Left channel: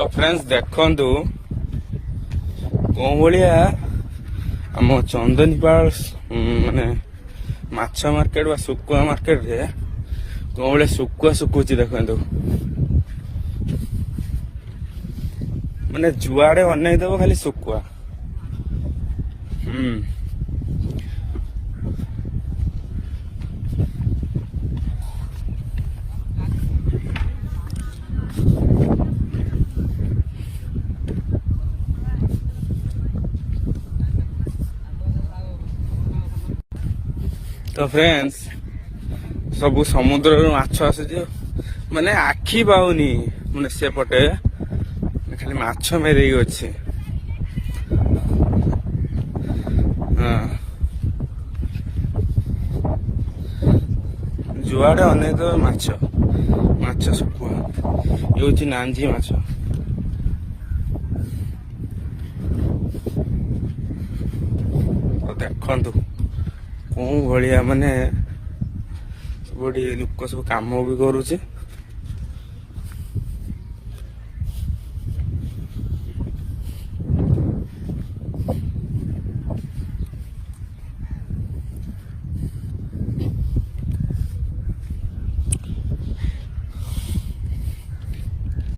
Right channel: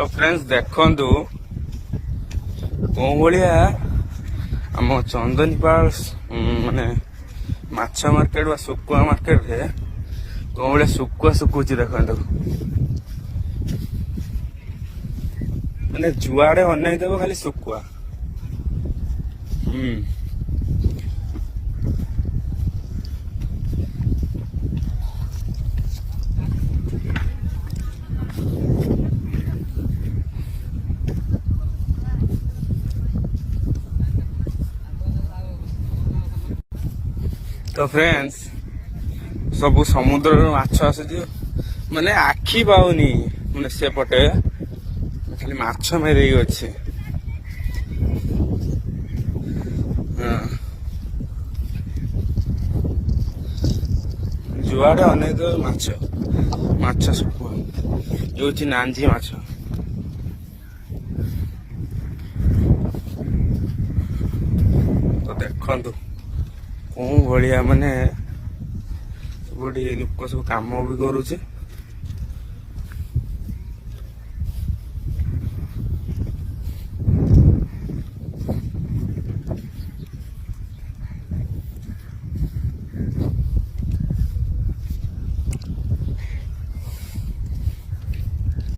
तो फ्रेंड्स देखंतु कों भलिया आम चंदनीपाल माने माछ मार्केट बा सुकुआ मार्केट रे कों भलिया सुकुआ सुकुची देखंतु माने जुआड़े अनै देबो खाली सुकुआ। तो फ्रेंड्स सबू समुद्र माछ आसुची माने आखि पाउनी माने सेपटे खाली माछ मेरे अच्छे। जुआड़े अनेक माछ माछ सुकुआ ये नांजी माछ। तो देखंतु कौन भाया माने सब लोक सब कम भी करुचे।